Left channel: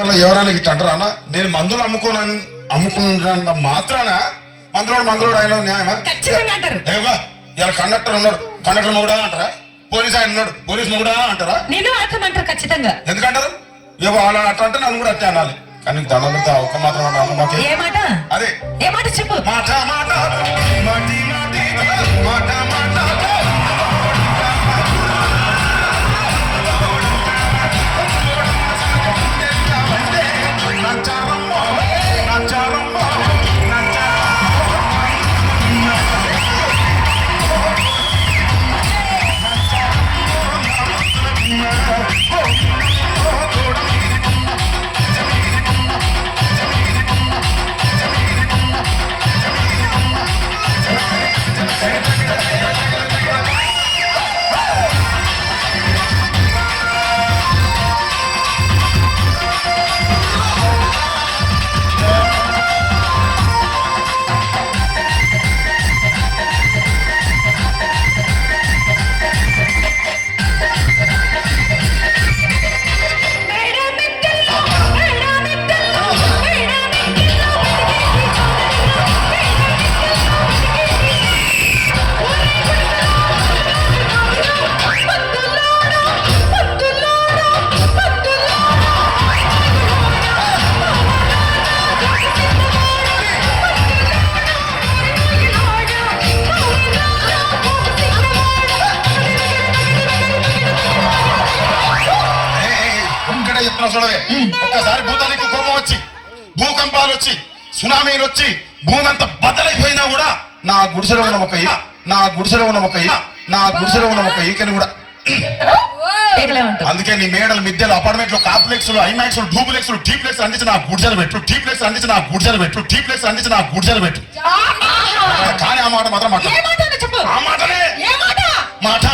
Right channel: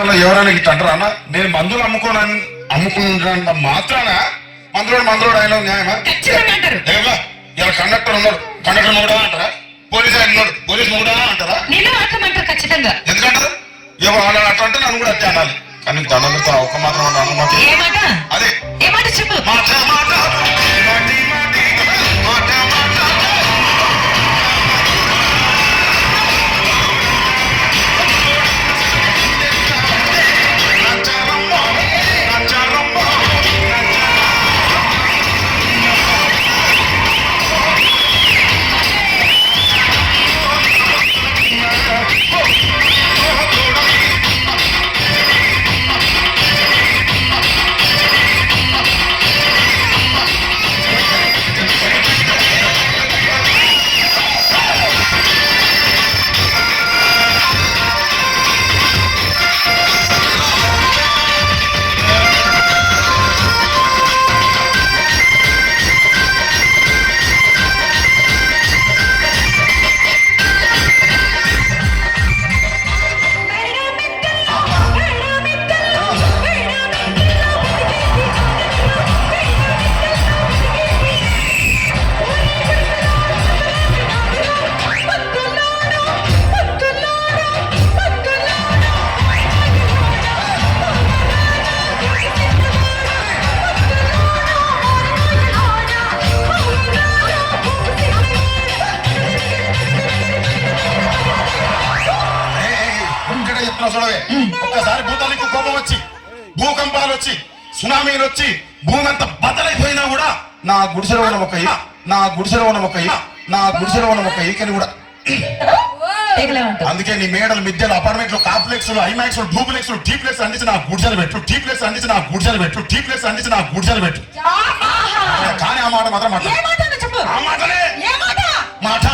ఎవరైనా ఇట్లా అంటారా అన్న? నేను మందులు అమ్ముకున్న మాత్రాన మందులోడు ఆయన న్యాయమా? ఏమా ఇలా కండక్టర్ ఉన్నాడు, కండక్టర్ మొగుడా అంటారా? పోలీస్ ఆయన ఉన్నాడు, పోలీస్ మొగుడా అంటారా? ఖచ్చితంగా ఎందుకంటారు? అలా అట్లా అంటే నన్ను కూడా అట్టే అనాలి. కానీ దండలతో ఒక మాత్రం అదే చెప్పు. మాట మాట ఒక్కసారి భూతానికి కోపం వచ్చి, భూకంపాలు వచ్చి, సునామీలు వచ్చి, భూమి అంతా బద్దలైపోయినా కూడా నా గుడిసెలో ఉన్న ఒక ఈకని కూడా. అందుకే నీ మేడలు, మిద్దెలు, అపార్ట్మెంట్లు, కాంప్లెక్స్, ఐమాక్స్, డూప్లెక్స్, డీప్లెక్స్ అందించి నా గుడిసెలు పెట్టు. కానీ ఆ మాట మాత్రం ఆ మాటనే మాట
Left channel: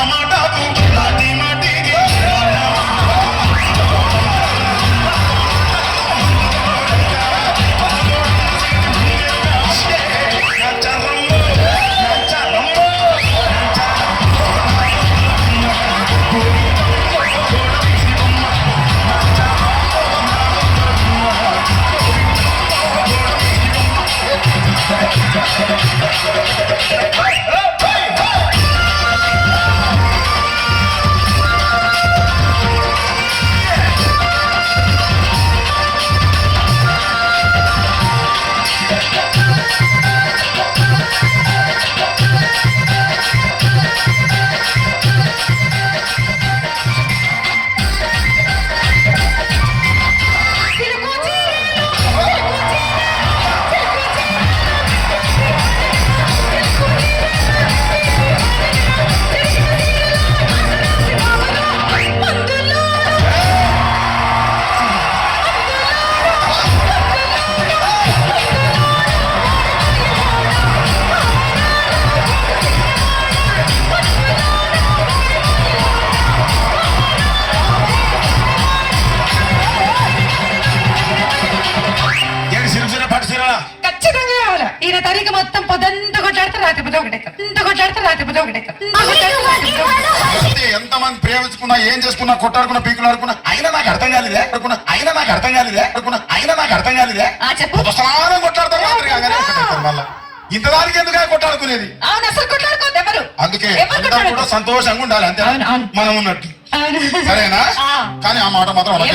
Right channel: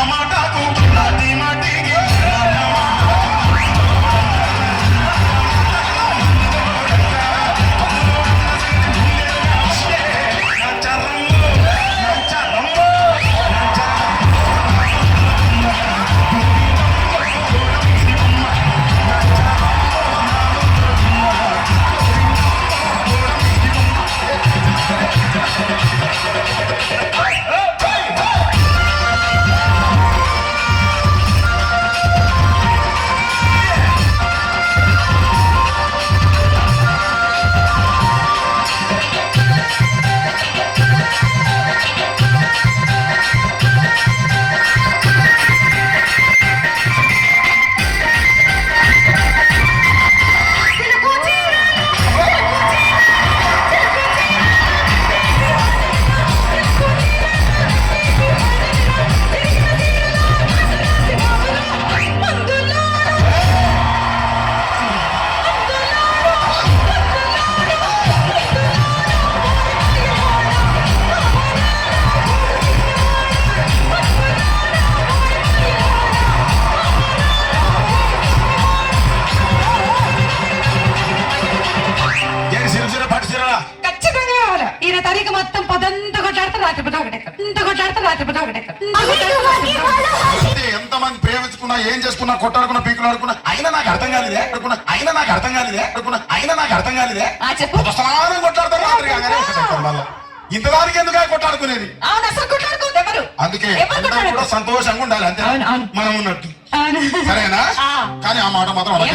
ఎంతమంది ప్రేమించుకున్నా, ఏం చేసుకున్నా, కొట్టాడుకున్నా, పీకులు ఆడుకున్నా, అయినా నాకు అర్థం కాలేదే. మళ్ళీ ఇంతదానికి ఎందుకు కొట్టాడుకునేది? అందుకే కూడా సంతోషంగా ఉండాలి, అంతే మనం ఉన్నట్టు. సరేనా? కానీ ఆ మాట మాత్రం మాట